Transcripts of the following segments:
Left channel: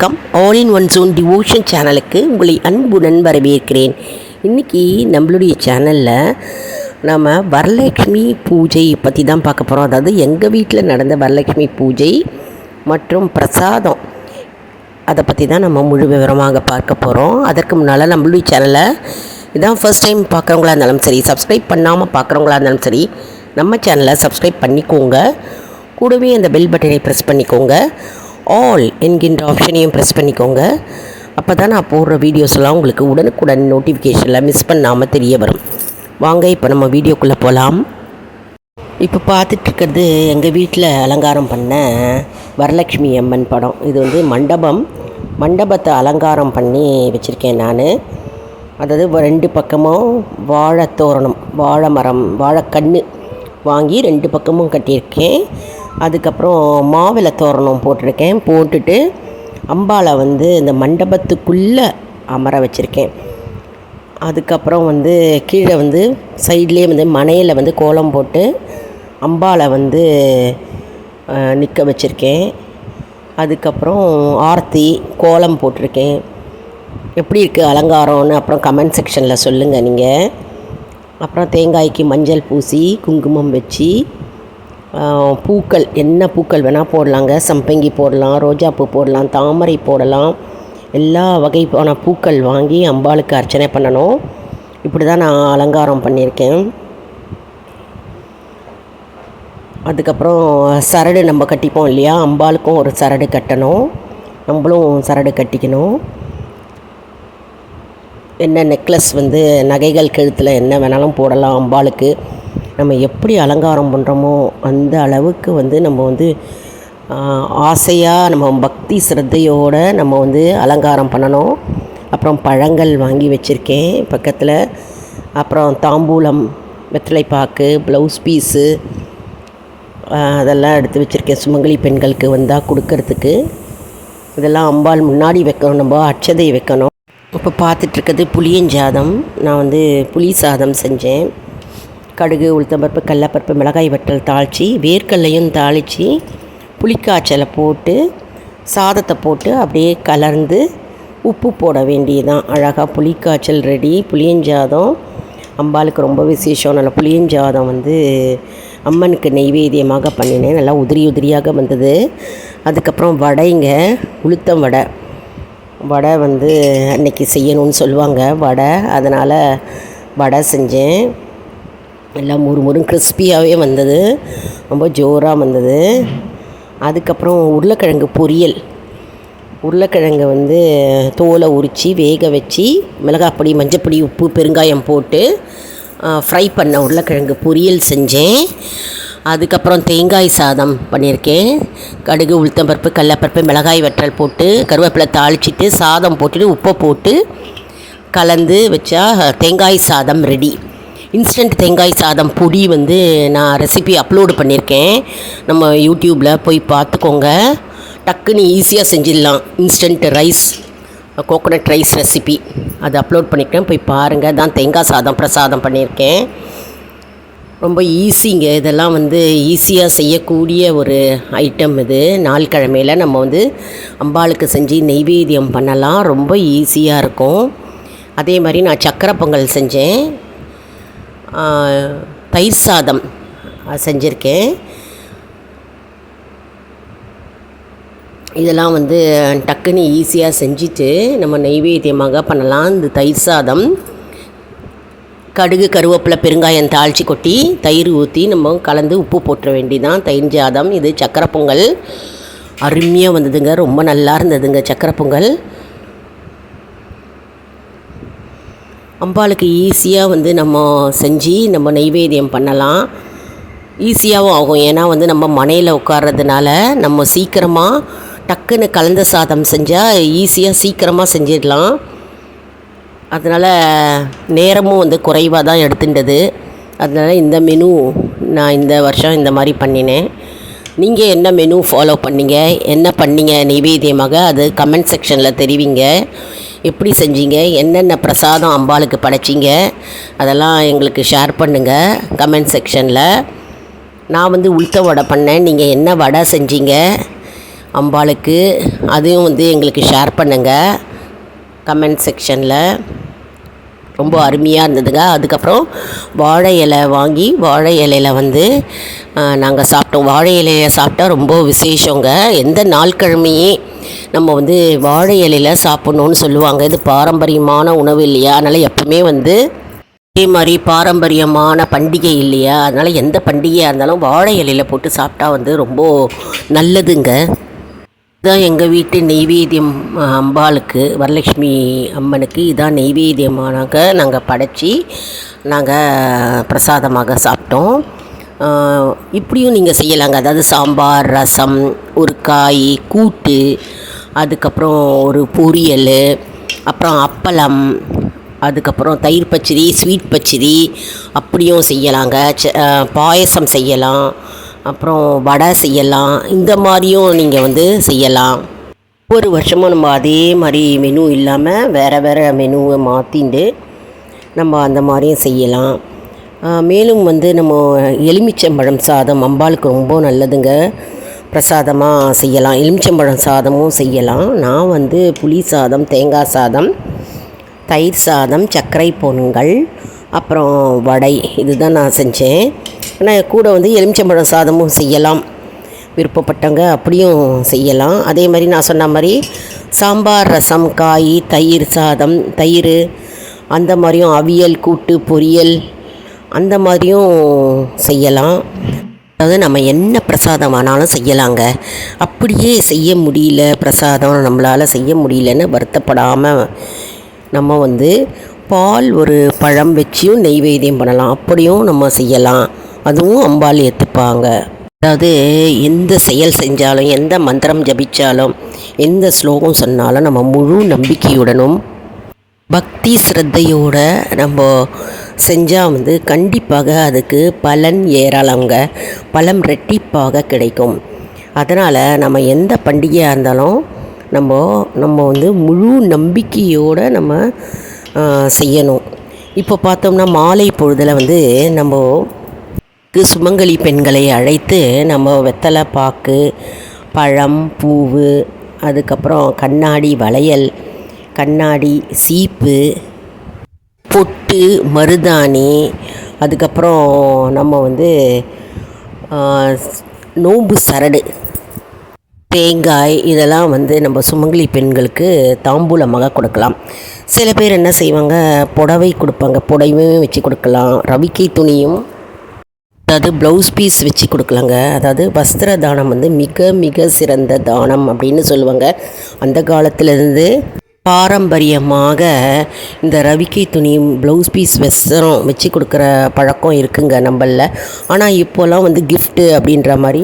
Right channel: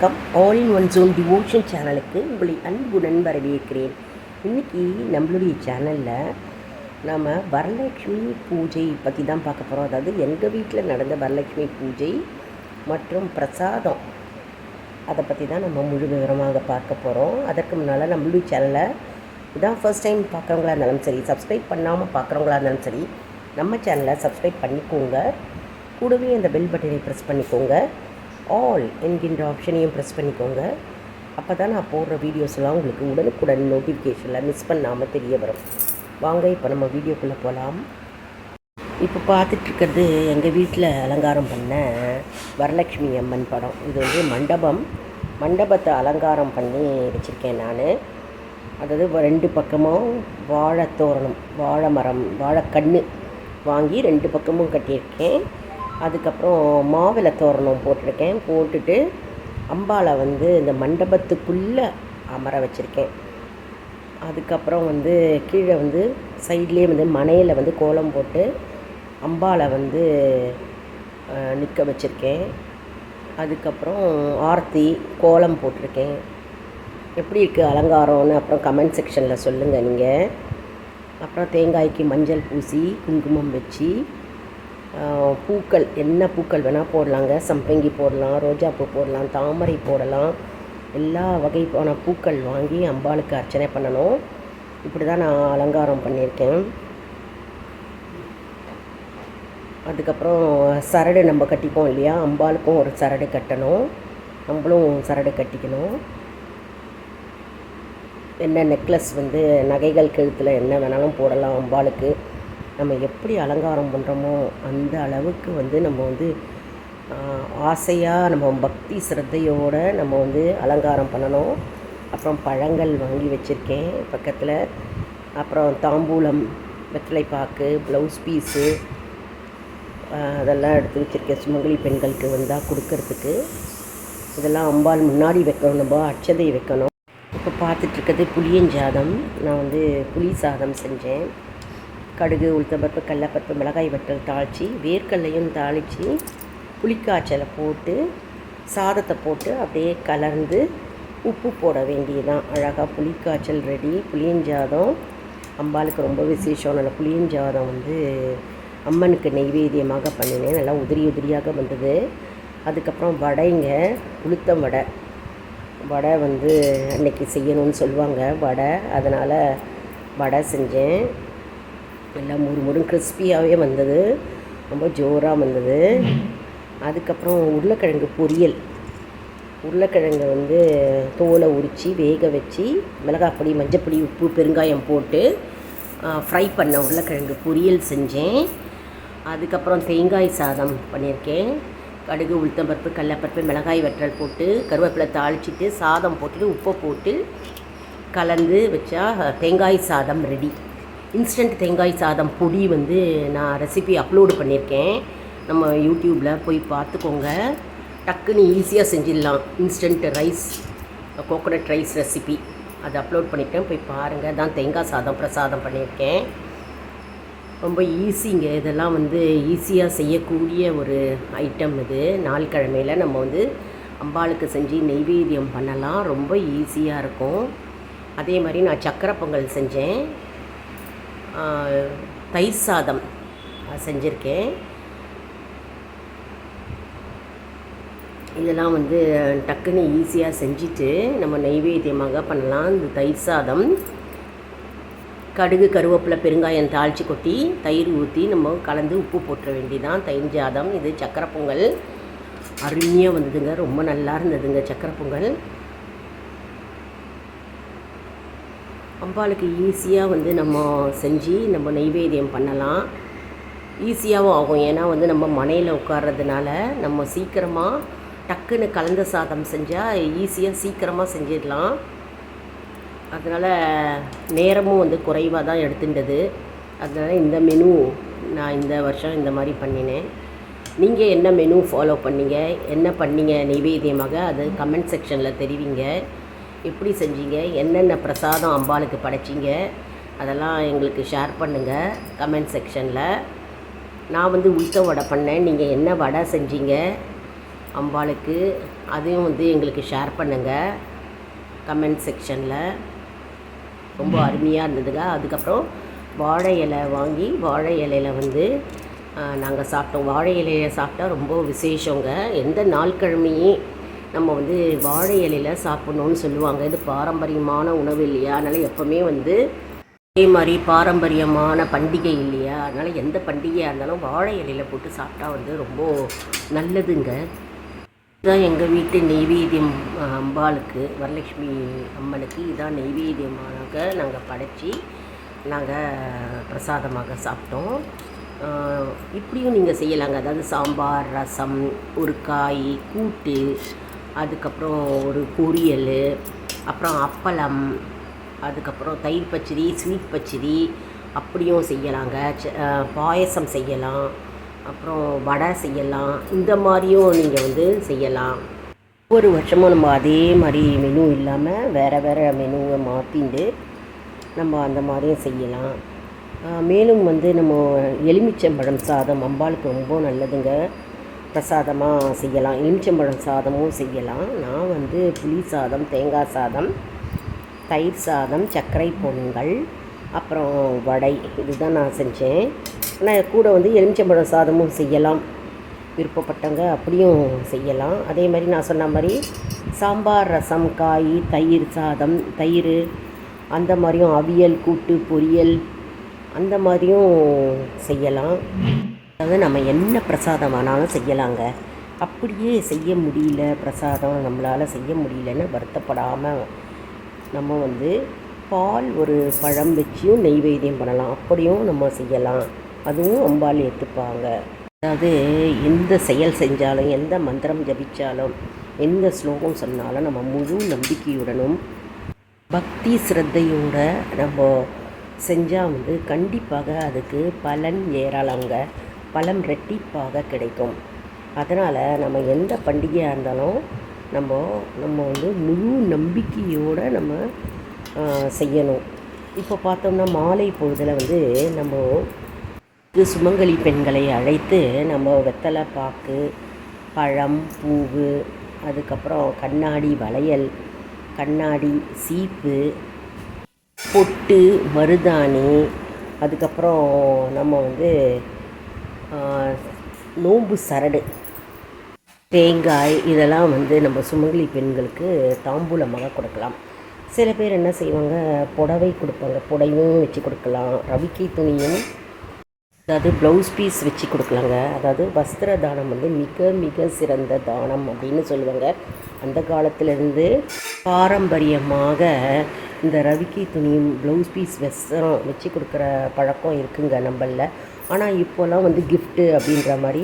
வணக்கம். All in one zone devotion சேனலுக்கு உங்களை அன்புடன் வரவேற்கிறேன். இன்றைக்கி நம்மளுடைய சேனலில் நம்ம வரலட்சுமி பூஜை பற்றி தான் பார்க்க போகிறோம். அதாவது எங்கள் வீட்டில் நடந்த வரலட்சுமி பூஜை மற்றும் பிரசாதம் அதை பற்றி தான் நம்ம முழு விவரமாக பார்க்க போகிறோம். அதற்கு முன்னால் நம்மளுடைய சேனலை இதான் ஃபர்ஸ்ட் டைம் பார்க்குறவங்களா இருந்தாலும் சரி, சப்ஸ்கிரைப் பண்ணாமல் பார்க்குறவங்களா இருந்தாலும் சரி, நம்ம சேனலை சப்ஸ்கிரைப் பண்ணிக்கோங்க. கூடவே அந்த பெல் பட்டனை ப்ரெஸ் பண்ணிக்கோங்க. ஆல் என்கின்ற ஆப்ஷனையும் ப்ரெஸ் பண்ணிக்கோங்க. அப்போ தான் நான் போடுற வீடியோஸ்லாம் உங்களுக்கு உடனுக்குடன் நோட்டிஃபிகேஷனில் மிஸ் பண்ணாமல் தெரிய வரும். வாங்க இப்போ நம்ம வீடியோக்குள்ளே போகலாம். இப்போ பார்த்துட்ருக்கிறது எங்கள் வீட்டில் அலங்காரம் பண்ண வரலட்சுமி அம்மன் படம். இது வந்து மண்டபத்தை அலங்காரம் பண்ணி வச்சுருக்கேன் நான். அதாவது 2 பக்கமும் வாழைத்தோரணம், வாழை மரம், வாழைக்கன்று வாங்கி 2 பக்கமும் கட்டியிருக்கேன். அதுக்கப்புறம் மாவிலை தோரணம் போட்டிருக்கேன். போட்டுட்டு அம்பாளை வந்து இந்த மண்டபத்துக்குள்ளே அமர வச்சுருக்கேன். அதுக்கப்புறம் வந்து கீழே வந்து சைட்லேயே வந்து மனையில் வந்து கோலம் போட்டு அம்பாளை வந்து நிற்க வச்சுருக்கேன். அதுக்கப்புறம் ஆர்த்தி கோலம் போட்டிருக்கேன். எப்படி இருக்குது அலங்காரம்னு அப்புறம் கமெண்ட் செக்ஷனில் சொல்லுங்கள் நீங்கள். அப்புறம் தேங்காய்க்கு மஞ்சள் பூசி குங்குமம் வச்சு பூக்கள், என்ன பூக்கள் வேணால் போடலாங்க. சம்பங்கி போடலாம், ரோஜாப்பூ போடலாம், தாமரை போடலாம். எல்லா வகையான பூக்கள் வாங்கி அம்பாளுக்கு அர்ச்சனை பண்ணணும். இப்படி தான் நான் அலங்காரம் பண்ணியிருக்கேன். அதுக்கப்புறம் சரடு நம்ம கட்டிப்போம் இல்லையா, அம்பாளுக்கும் ஒரு சரடு கட்டணும், நம்மளும் சரடு கட்டிக்கணும். என்ன நெக்லஸ் வந்து நகைகள் கழுத்தில் என்ன வேணாலும் போடலாம். அம்பாளுக்கு நம்ம எப்படி அலங்காரம் பண்ணுறோமோ அந்த அளவுக்கு வந்து நம்ம வந்து ஆசையாக நம்ம பக்தி சிரத்தையோடு நம்ம வந்து அலங்காரம் பண்ணணும். அப்புறம் பழங்கள் வாங்கி வச்சுருக்கேன் பக்கத்தில். அப்புறம் தாம்பூலம், வெற்றிலைப்பாக்கு, ப்ளவுஸ் பீஸு அதெல்லாம் எடுத்து வச்சுருக்கேன். சுமங்கலி பெண்களுக்கு வந்தால் கொடுக்கறதுக்கு இதெல்லாம் அம்பாள் முன்னாடி வைக்கணும், நம்ம அட்சதை வைக்கணும். இப்போ பார்த்துட்ருக்கிறது புளியஞ்சாதம். நான் வந்து புளி சாதம் செஞ்சேன். கடுகு, உளுத்தம்பருப்பு, கடலப்பருப்பு, மிளகாய் வற்றல் தாளித்து, வேர்க்கல்லையும் தாளித்து, புளிக்காய்ச்சலை போட்டு சாதத்தை போட்டு அப்படியே கலர்ந்து உப்பு போட வேண்டியதுதான். அழகாக புளிக்காய்ச்சல் ரெடி. புளியஞ்சாதம் அம்பாளுக்கு ரொம்ப விசேஷம். நல்ல புளியஞ்சாதம் வந்து அம்மனுக்கு நெய்வேத்தியமாக பண்ணினேன். நல்லா உதிரியாக வந்தது. அதுக்கப்புறம் வடைங்க, உளுத்தம் வடை வந்து அன்றைக்கி செய்யணும்னு சொல்லுவாங்க வடை. அதனால் வடை செஞ்சேன். எல்லாம் முறுமுறும் கிறிஸ்பியாகவே வந்தது, ரொம்ப ஜோராக வந்தது. அதுக்கப்புறம் உருளைக்கிழங்கு பொரியல். உருளைக்கிழங்கு வந்து தோலை உரித்து வேக வச்சு மிளகாப்பொடி, மஞ்சப்பொடி, உப்பு, பெருங்காயம் போட்டு ஃப்ரை பண்ண உருளைக்கிழங்கு பொரியல் செஞ்சேன். அதுக்கப்புறம் தேங்காய் சாதம் பண்ணியிருக்கேன். கடுகு, உளுத்தம்பருப்பு, கடலப்பருப்பு, மிளகாய் வற்றல் போட்டு கருவேப்பிலை தாளிச்சிட்டு சாதம் போட்டுட்டு உப்பை போட்டு கலந்து வச்சா தேங்காய் சாதம் ரெடி. இன்ஸ்டன்ட் தேங்காய் சாதம் பொடி வந்து நான் ரெசிபி அப்லோடு பண்ணியிருக்கேன். நம்ம யூடியூப்பில் போய் பார்த்துக்கோங்க. டக்குன்னு ஈஸியாக செஞ்சிடலாம். Instant rice, coconut rice recipe அது அப்லோட் பண்ணியிருக்கேன், போய் பாருங்கள். தான் தேங்காய் சாதம் பிரசாதம் பண்ணியிருக்கேன். ரொம்ப ஈஸிங்க. இதெல்லாம் வந்து ஈஸியாக செய்யக்கூடிய ஒரு ஐட்டம் இது. நாள் கிழமையில் நம்ம வந்து அம்பாளுக்கு செஞ்சு நெய்வேத்தியம் பண்ணலாம். ரொம்ப ஈஸியாக இருக்கும். அதே மாதிரி நான் சக்கரை பொங்கல் செஞ்சேன். தயிர் சாதம் செஞ்சுருக்கேன். இதெல்லாம் வந்து டக்குன்னு ஈஸியாக செஞ்சுட்டு நம்ம நெய்வேத்தியமாக பண்ணலாம். இந்த தயிர் சாதம் கடுகு, கருவேப்பிலை, பெருங்காயம் தாளித்து கொட்டி தயிர் ஊற்றி நம்ம கலந்து உப்பு போட்டுற வேண்டியதான் தயிர் சாதம். இது சக்கரை பொங்கல் அருமையாக வந்ததுங்க, ரொம்ப நல்லா இருந்ததுங்க சக்கரை பொங்கல். அம்பாளுக்கு ஈஸியாக வந்து நம்ம செஞ்சு நம்ம நெய்வேத்தியம் பண்ணலாம். ஈஸியாகவும் ஆகும். ஏன்னா வந்து நம்ம மனையில் உட்கார்றதுனால நம்ம சீக்கிரமாக டக்குன்னு கலந்த சாதம் செஞ்சால் ஈஸியாக சீக்கிரமாக செஞ்சிடலாம். அதனால் நேரமும் வந்து குறைவாக தான் எடுத்துட்டது. அதனால் இந்த மெனு நான் இந்த வருஷம் இந்த மாதிரி பண்ணினேன். நீங்கள் என்ன மெனு ஃபாலோ பண்ணீங்க, என்ன பண்ணீங்க நெய்வேத்தியமாக, அது கமெண்ட் செக்ஷனில் தெரிவிங்க. எப்படி செஞ்சீங்க, என்னென்ன பிரசாதம் அம்பாளுக்கு படைச்சிங்க, அதெல்லாம் எங்களுக்கு ஷேர் பண்ணுங்கள் கமெண்ட் செக்ஷனில். நான் வந்து உளுத்த வடை பண்ணேன். நீங்கள் என்ன வடை செஞ்சீங்க, அம்பாளுக்கு. அதையும் வந்து எங்களுக்கு ஷேர் பண்ணுங்கள் கமெண்ட் செக்ஷனில். ரொம்ப அருமையாக இருந்ததுங்க. அதுக்கப்புறம் வாழை இலை வாங்கி வாழை இலையில் வந்து நாங்கள் சாப்பிட்டோம். வாழை இலையை சாப்பிட்டா ரொம்ப விசேஷங்க. எந்த நாள்கிழமையே நம்ம வந்து வாழை இலையில் சாப்பிட்ணுன்னு சொல்லுவாங்க. இது பாரம்பரியமான உணவு இல்லையா, அதனால் எப்பவுமே வந்து அதே மாதிரி பாரம்பரியமான பண்டிகை இல்லையா, அதனால் எந்த பண்டிகையாக இருந்தாலும் வாழை இலையில் போட்டு சாப்பிட்டா வந்து ரொம்ப நல்லதுங்க. இதுதான் எங்கள் வீட்டு நெய்வேத்தியம். அம்பாளுக்கு, வரலட்சுமி அம்மனுக்கு இதான் நெய்வேத்தியமானாக்க நாங்கள் படைச்சி நாங்கள் பிரசாதமாக சாப்பிட்டோம். இப்படியும் நீங்கள் செய்யலாங்க. அதாவது சாம்பார், ரசம், ஒரு காய் கூட்டு, அதுக்கப்புறம் ஒரு பொரியல், அப்புறம் அப்பளம், அதுக்கப்புறம் தயிர் பச்சடி, ஸ்வீட் பச்சடி அப்படியும் செய்யலாங்க. பாயசம் செய்யலாம், அப்புறம் வடை செய்யலாம். இந்த மாதிரியும் நீங்கள் வந்து செய்யலாம். ஒவ்வொரு வருஷமும் நம்ம அதே மாதிரி மெனு இல்லாமல் வேறு வேறு மெனுவை மாற்றிண்டு நம்ம அந்த மாதிரியும் செய்யலாம். மேலும் வந்து நம்ம எலுமிச்சம்பழம் சாதம் அம்பாளுக்கு ரொம்ப நல்லதுங்க. பிரசாதமாக செய்யலாம். எலுமிச்சம்பழம் சாதமும் செய்யலாம். நான் வந்து புளி சாதம், தேங்காய் சாதம், தயிர் சாதம், சர்க்கரை பொங்கல், அப்புறம் வடை, இதுதான் நான் செஞ்சேன். ஆனால் கூட வந்து எலுமிச்சம்பழம் சாதமும் செய்யலாம். விருப்பப்பட்டவங்க அப்படியும் செய்யலாம். அதே மாதிரி நான் சொன்ன மாதிரி சாம்பார், ரசம், காய், தயிர் சாதம், தயிர், அந்த மாதிரியும் அவியல், கூட்டு, பொரியல், அந்த மாதிரியும் செய்யலாம். அதாவது நம்ம என்ன பிரசாதம் ஆனாலும் செய்யலாங்க. அப்படியே செய்ய முடியல, பிரசாதம் நம்மளால் செய்ய முடியலன்னு வருத்தப்படாமல் நம்ம வந்து பால், ஒரு பழம் வச்சியும் நெய்வேத்தியம் பண்ணலாம். அப்படியும் நம்ம செய்யலாம். அதுவும் அம்பாள் ஏற்றுப்பாங்க. அதாவது எந்த செயல் செஞ்சாலும், எந்த மந்திரம் ஜபித்தாலும், எந்த ஸ்லோகம் சொன்னாலும் நம்ம முழு நம்பிக்கையுடனும் பக்தி ஸ்ரத்தையோடு நம்ம செஞ்சால் வந்து கண்டிப்பாக அதுக்கு பலன் ஏறலாங்க. பலன் ரெட்டிப்பாக கிடைக்கும். அதனால் நம்ம எந்த பண்டிகையாக இருந்தாலும் நம்ம வந்து முழு நம்பிக்கையோடு நம்ம செய்யணும். இப்போ பார்த்தோம்னா மாலை பொழுதில் வந்து நம்ம சுமங்கலி பெண்களை அழைத்து நம்ம வெத்தலை பாக்கு, பழம், பூவு, அதுக்கப்புறம் கண்ணாடி வளையல், கண்ணாடி சீப்பு, பொட்டு, மருதாணி, அதுக்கப்புறம் நம்ம வந்து நோம்பு சரடு, தேங்காய், இதெல்லாம் வந்து நம்ம சுமங்கலி பெண்களுக்கு தாம்பூலமாக கொடுக்கலாம். சில பேர் என்ன செய்வாங்க, புடவை கொடுப்பாங்க. புடவையும் வச்சு கொடுக்கலாம். ரவிக்கை துணியும், அதாவது ப்ளவுஸ் பீஸ் வச்சு கொடுக்கலாங்க. அதாவது வஸ்திர தானம் வந்து மிக மிக சிறந்த தானம் அப்படின்னு சொல்லுவாங்க. அந்த காலத்திலேருந்து பாரம்பரியமாக இந்த ரவிக்கை துணி, ப்ளவுஸ் பீஸ் வஸ்திரம் வச்சு கொடுக்குற பழக்கம் இருக்குங்க நம்மளில். ஆனால் இப்போலாம் வந்து கிஃப்ட்டு அப்படின்ற மாதிரி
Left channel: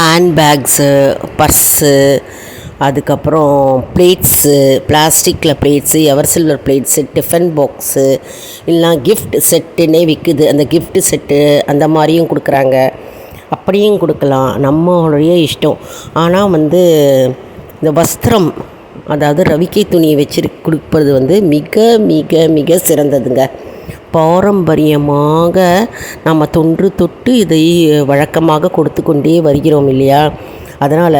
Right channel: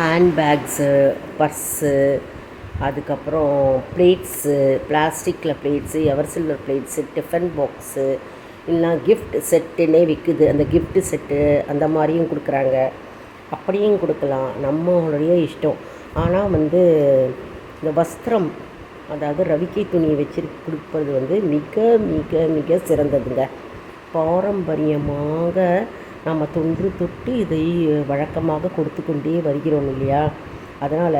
ஹேண்ட்பேக்ஸு, பர்ஸு, அதுக்கப்புறம் பிளேட்ஸு, பிளாஸ்டிக்கில் plates, ever silver plates, tiffin box, இல்லைனா கிஃப்ட் செட்டுன்னே விற்குது. அந்த கிஃப்ட் செட்டு அந்த மாதிரியும் கொடுக்குறாங்க. அப்படியும் கொடுக்கலாம், நம்மளுடைய இஷ்டம். ஆனால் வந்து இந்த வஸ்திரம், அதாவது ரவிக்கை துணியை வச்சு கொடுப்பது வந்து மிக மிக மிக சிறந்ததுங்க. பாரம்பரியமாக நம்ம தொன்று தொட்டு இதை வழக்கமாக கொடுத்து கொண்டே வருகிறோம் இல்லையா. அதனால்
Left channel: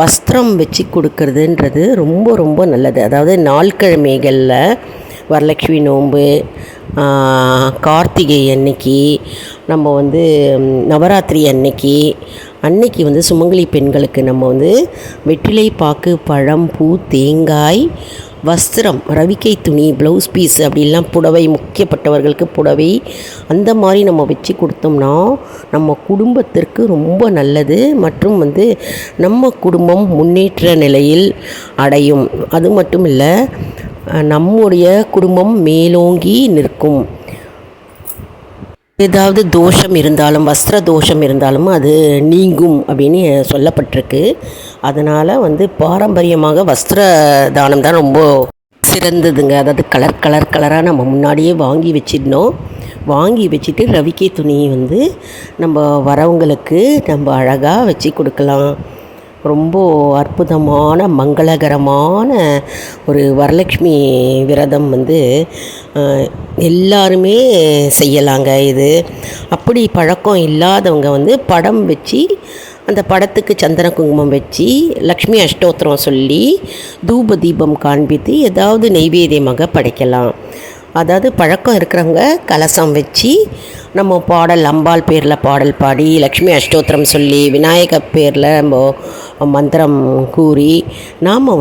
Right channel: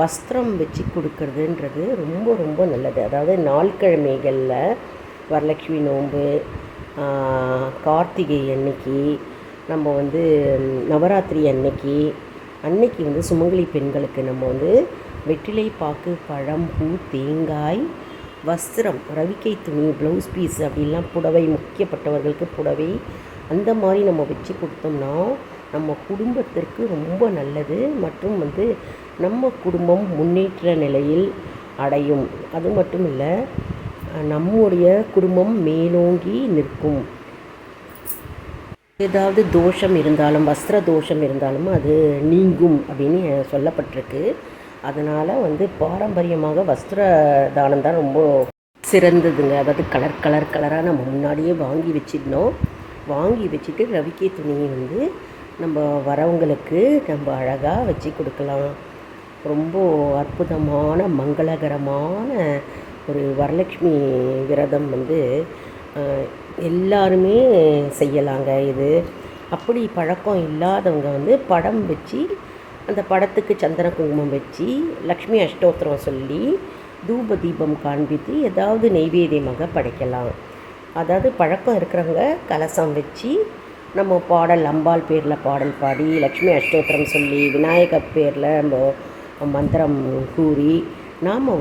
வஸ்திரம் வச்சு கொடுக்கறதுன்றது ரொம்ப ரொம்ப நல்லது. அதாவது நாள்கிழமைகளில் வரலட்சுமி நோன்பு, கார்த்திகை அன்னைக்கு, நம்ம வந்து நவராத்திரி அன்னைக்கு வந்து சுமங்கலி பெண்களுக்கு நம்ம வந்து வெற்றிலை பாக்கு, பழம், பூ, தேங்காய், வஸ்திரம், ரவிக்கை துணி, ப்ளவுஸ் பீஸ், அப்படிலாம் புடவை, முக்கியப்பட்டவர்களுக்கு புடவை, அந்த மாதிரி நம்ம வச்சு கொடுத்தோம்னா நம்ம குடும்பத்திற்கு ரொம்ப நல்லது. மற்றும் வந்து நம்ம குடும்பம் முன்னேற்ற நிலையில் அடையும். அது மட்டும் இல்லை, நம்முடைய குடும்பம் மேலோங்கி நிற்கும். ஏதாவது தோஷம் இருந்தாலும், வஸ்திர தோஷம் இருந்தாலும் அது நீங்கும் அப்படின்னு சொல்லப்பட்டிருக்கு. அதனால் வந்து பாரம்பரியமாக வஸ்திர தானம் தான் ரொம்ப சிறந்ததுங்க. அதாவது கலராக நம்ம முன்னாடியே வாங்கி வச்சிடணும். வாங்கி வச்சுட்டு ரவிக்கை துணியை வந்து நம்ம வரவங்களுக்கு நம்ம அழகாக வச்சு கொடுக்கலாம். ரொம்ப அற்புதமான மங்களகரமான ஒரு வரலட்சுமி விரதம் வந்து எல்லாருமே செய்யலாங்க. இது அப்படி பழக்கம் இல்லாதவங்க வந்து படம் வச்சு அந்த படத்துக்கு சந்தன குங்குமம் வச்சு லக்ஷ்மி அஷ்டோத்திரம் சொல்லி தூப தீபம் காண்பித்து ஏதாவது நெய்வேத்தியமாக படைக்கலாம். அதாவது பழக்கம் இருக்கிறவங்க கலசம் வச்சு நம்ம பாடல் அம்பாள் பேரில் பாடல் பாடி லக்ஷ்மி அஷ்டோத்திரம் சொல்லி விநாயகர் பேரில் நம்ம மந்திரம் கூறி நாம்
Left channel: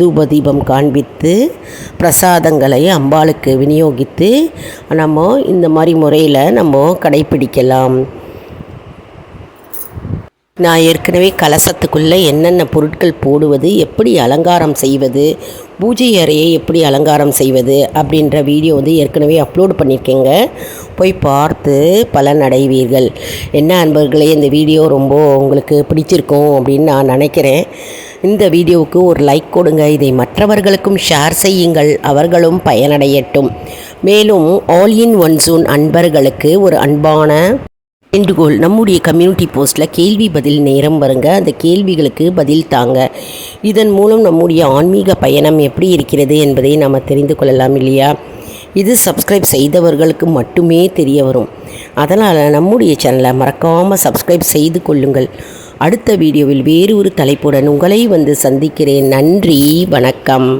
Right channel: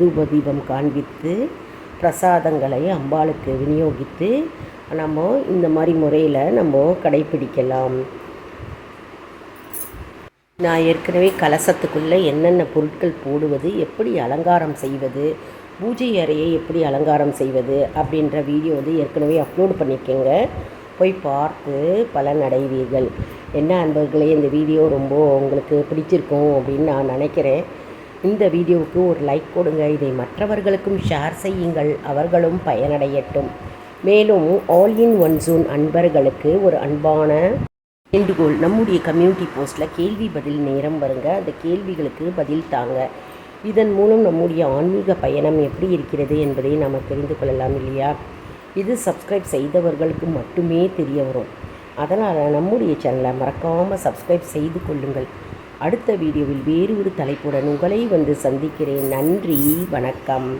தூப தீபம் காண்பித்து பிரசாதங்களை அம்பாளுக்கு விநியோகித்து நம்ம இந்த மாதிரி முறையில் நம்ம கடைப்பிடிக்கலாம். நான் ஏற்கனவே கலசத்துக்குள்ளே என்னென்ன பொருட்கள் போடுவது, எப்படி அலங்காரம் செய்வது, பூஜை அறையை எப்படி அலங்காரம் செய்வது அப்படின்ற வீடியோ ஏற்கனவே அப்லோடு பண்ணியிருக்கேங்க. போய் பார்த்து பலனடைவீர்கள். என்ன அன்பர்களே, இந்த வீடியோ ரொம்ப உங்களுக்கு பிடிச்சிருக்கும் அப்படின்னு நான் நினைக்கிறேன். இந்த வீடியோவுக்கு ஒரு லைக் கொடுங்க. இதை மற்றவர்களுக்கும் ஷேர் செய்யுங்கள், அவர்களும் பயனடையட்டும். மேலும் ஆல் இன் ஒன் ஜோன் அன்பர்களுக்கு ஒரு அன்பான வேண்டுகோள், நம்முடைய கம்யூனிட்டி போஸ்ட்டில் கேள்வி பதில் நேரம் வருங்க. அந்த கேள்விகளுக்கு பதில் தாங்க. இதன் மூலம் நம்முடைய ஆன்மீக பயணம் எப்படி இருக்கிறது என்பதை நாம் தெரிந்து கொள்ளலாம் இல்லையா? இது சப்ஸ்கிரைப் செய்தவர்களுக்கு மட்டுமே தெரிய வரும். அதனால் நம்முடைய சேனலை மறக்காமல் சப்ஸ்கிரைப் செய்து கொள்ளுங்கள். அடுத்த வீடியோவில் வேறு ஒரு தலைப்புடன் உங்களை சந்திக்கிறேன். நன்றி, வணக்கம்.